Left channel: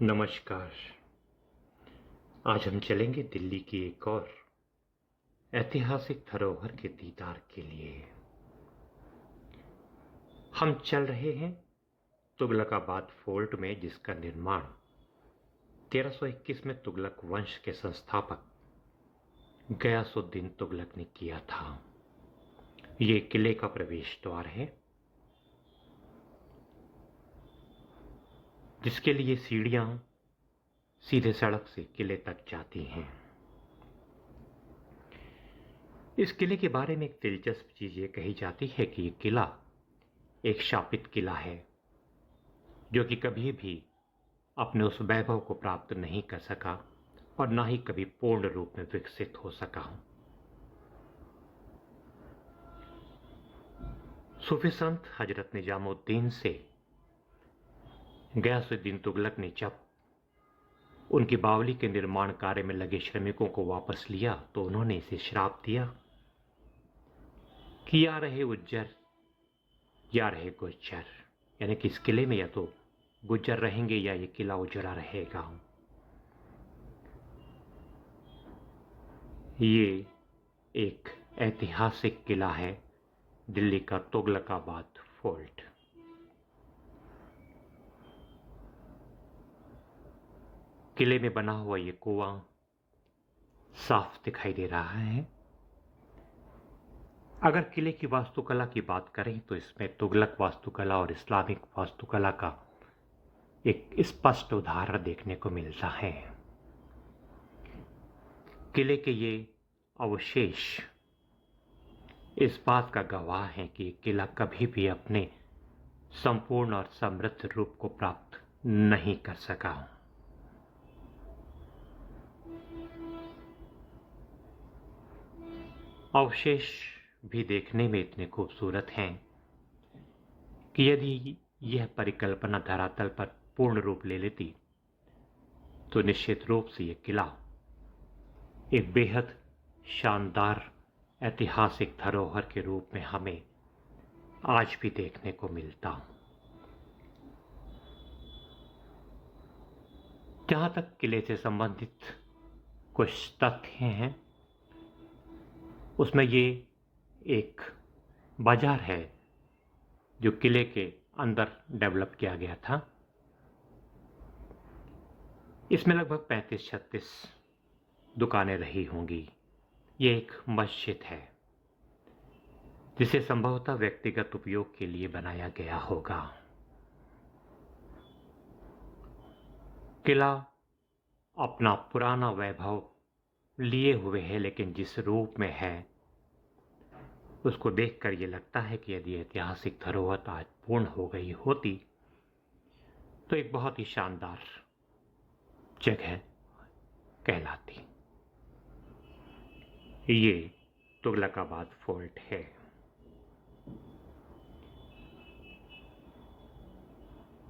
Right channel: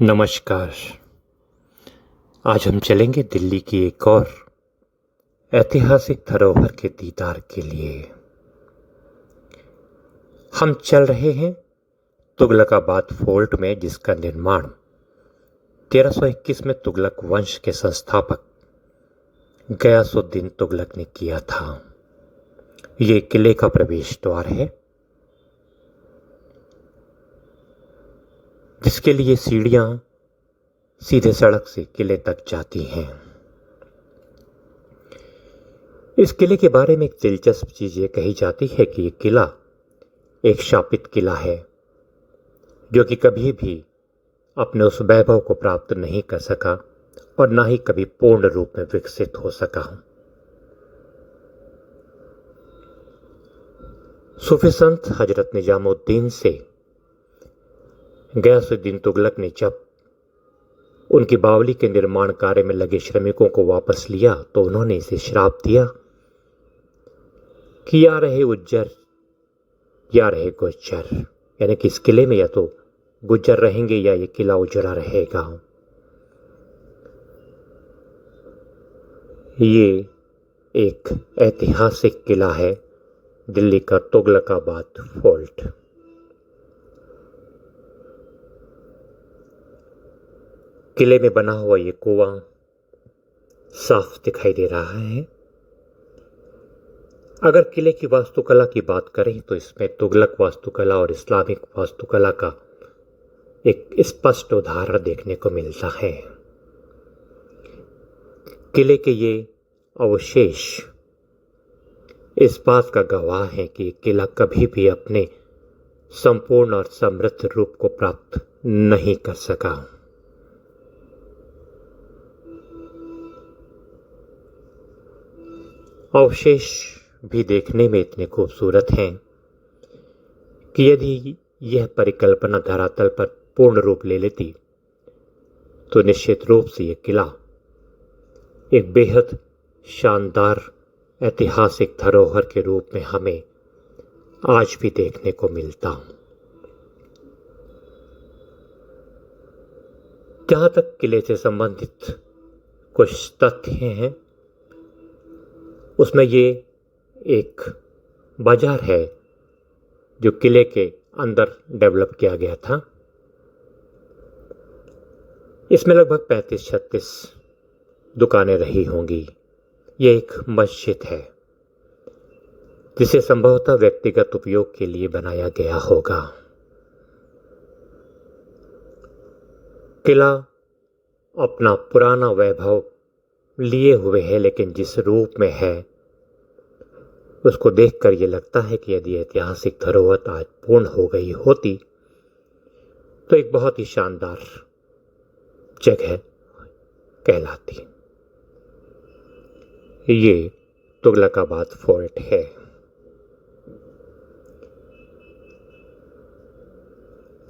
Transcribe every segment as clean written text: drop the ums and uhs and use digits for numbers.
नमस्कार। आज हम चलेंगे दिल्ली की एक और ऐतिहासिक धरोहर के दीदार के लिए। हम चल रहे हैं तुगलकाबाद फोर्ट में, जिसका निर्माण 1321 में तुगलक वंश के संस्थापक गयासुद्दीन तुगलक ने किया था। ये किले का प्रवेश द्वार है, जिसके लिए सीढ़ियां सीधे सड़क से किले तक जाती हैं। इस किले के बारे में एक दिलचस्प चीज ये कही जाती है कि ये किला एक शापित किला है, जो कि कभी भी अपने उस वैभव को प्राप्त नहीं कर सका और ना ही कभी पूर्ण रूप में विकसित हो सका। सूफी संत हजरत निजामुद्दीन से गयासुद्दीन तुगलक ने जब उनकी बावली के निर्माण कार्य में लगे श्रमिकों को वापस लिया, तो उन्होंने इसे श्राप दिया कि या रहे उज्जर या रहे गुज्जर, यानी कि इस किले में या तो गुज्जर रहेंगे या ये किला उजड़ा रहेगा। ये एक ऐतिहासिक किला है, दिल्ली का तुगलकाबाद फोर्ट। किले में बना हुआ ये कुआं साफ दिखाई दे रहा है। अगर किले की वास्तुकला की बात करें तो इसमें तुगलक वास्तुकला और इस्लामिक वास्तुकला का एक स्पष्ट उदाहरण देखने को मिलता है। किले के ये अवशेष इस बात का गवाह है कि किला कभी भी अपने संपूर्ण और समृद्ध रूप को प्राप्त नहीं कर सका। अवशेष भी देखने में इतने खूबसूरत हैं कि यदि यह परिकल्पना धरातल पर पूर्ण रूप ले लेती तो निश्चित रूप से यह किला एक बेहद शानदार ऐतिहासिक धरोहर के रूप में हमें आज भी देखने को मिलता। जहां तक किले से संबंधित कुछ तथ्य हैं, उसमें ये एक बाजार है जो किले के अंदर डेवलप किया गया था। इसमें लगभग 35-36 दुकानें रही होंगी। यह एक मस्जिद है जिसे संभवतः व्यक्तिगत उपयोग के लिए बनाया गया होगा। किला अपना पुराना वैभव लिए हुए है, लेकिन जिस रूप में है उसको देखकर यह लगता है कि यदि ऐतिहासिक धरोहर आज पूर्ण हो गई होती तो एक बहुत ही शानदार जगह कहलाती। ये तुगलकाबाद फोर्ट है।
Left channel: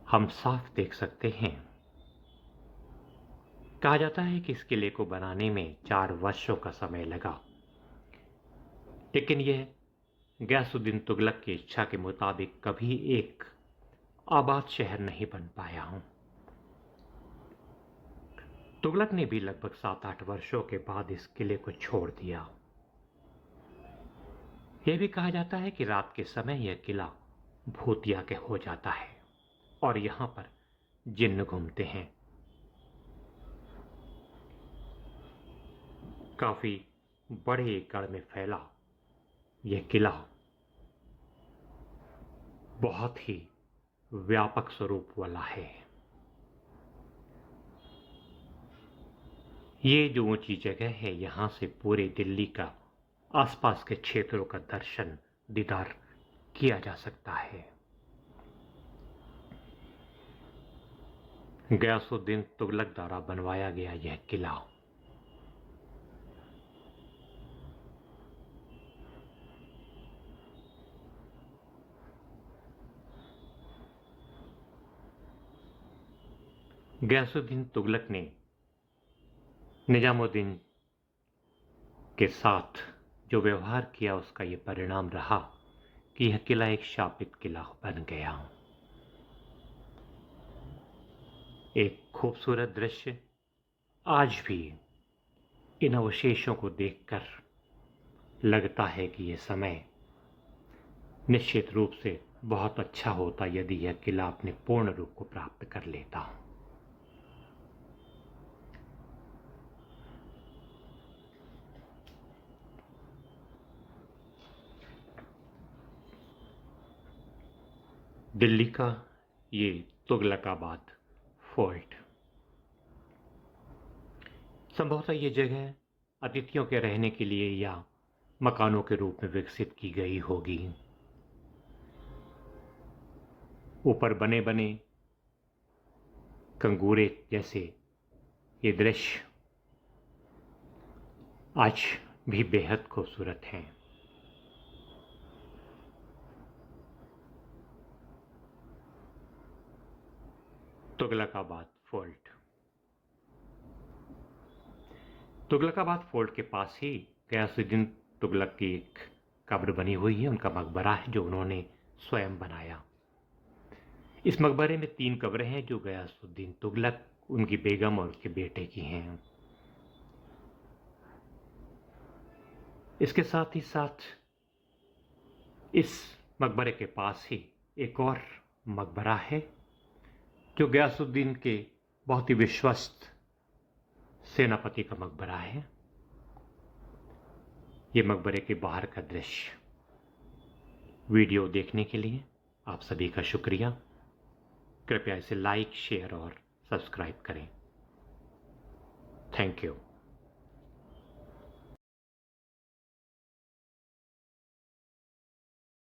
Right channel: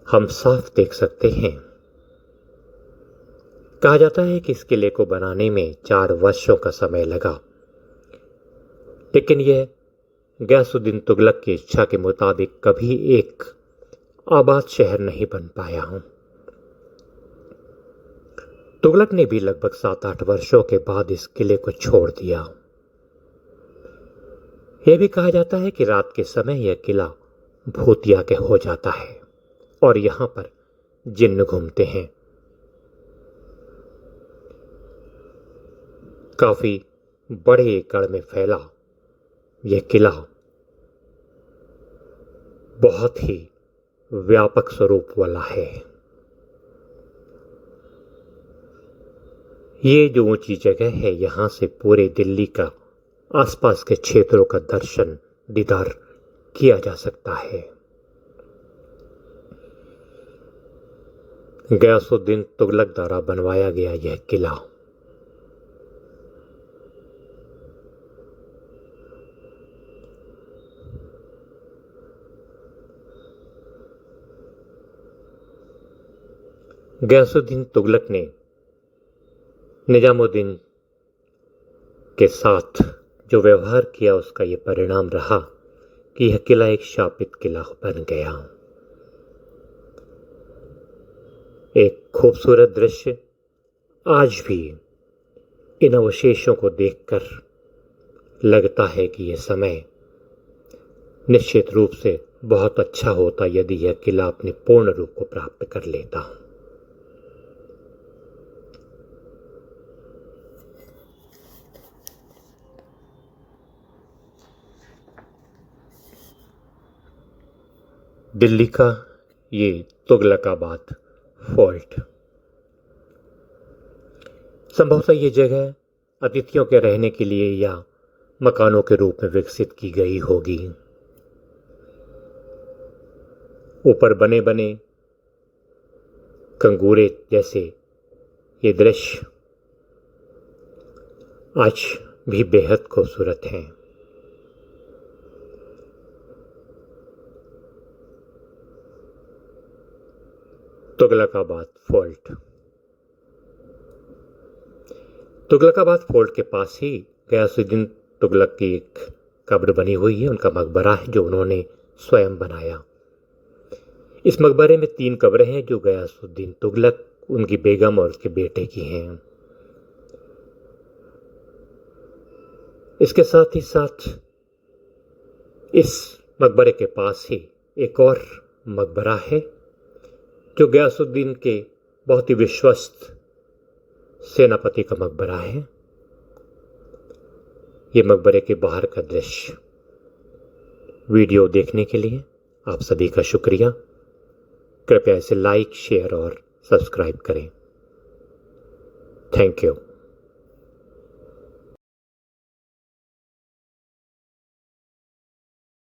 हम साफ देख सकते हैं। कहा जाता है कि इस किले को बनाने में 4 वर्षों का समय लगा, लेकिन यह गयासुद्दीन तुगलक की इच्छा के मुताबिक कभी एक आबाद शहर नहीं बन पाया हूं। तुगलक ने भी लगभग 7-8 वर्षों के बाद इस किले को छोड़ दिया। यह भी कहा जाता है कि रात के समय यह किला भूतिया के हो जाता है और यहां पर जिन्न घूमते हैं। काफी बड़े एकड़ में फैला यह किला बहुत ही व्यापक स्वरूप वाला है। ये जो ऊंची जगह है, यहां से पूरे दिल्ली का आसपास के क्षेत्रों का दर्शन दीदार किया जा सकता है। गयासुद्दीन तुगलक द्वारा बनवाया गया यह किला गयासुद्दीन तुगलक ने निजामुद्दीन के साथ जो व्यवहार किया, उसका यह परिणाम रहा कि यह किला एक शापित किला बन गया। एक खूबसूरत दृश्य आज भी इन अवशेषों को देखकर लगता है कि यह समय निश्चित रूप से बहुत अच्छा होता यदि यह किला अपने पूर्ण रूप को प्राप्त कर लेता। दिल्ली का ये तुगलकाबाद फोर्ट, संभवतः ये जगह अतिथियों के रहने के लिए या मकानों के रूप में विकसित की गई होगी। ऊपर बने बने कंगूरे जैसे ये दृश्य आज भी बेहद खूबसूरत हैं। तुगलकाबाद फोर्ट, तुगलकाबाद फोर्ट के पास ही गयासुद्दीन तुगलक की एक कब्र बनी हुई है, उनका मकबरा है जो उन्होंने स्वयं बनाया। इस मकबरे में 3 कब्रें हैं जो गयासुद्दीन तुगलक, उनकी बेगम और उसके बेटे की हैं। इसके साथ ही साथ इस मकबरे के पास ही एक और मकबरा है जो गयासुद्दीन के बहुत ही विश्वस्त सेनापति का मकबरा है। ये मकबरे के बाहर का दृश्य। वीडियो देखने के लिए आप सभी का शुक्रिया। कृपया इसे लाइक, शेयर और सब्सक्राइब करें। Thank you.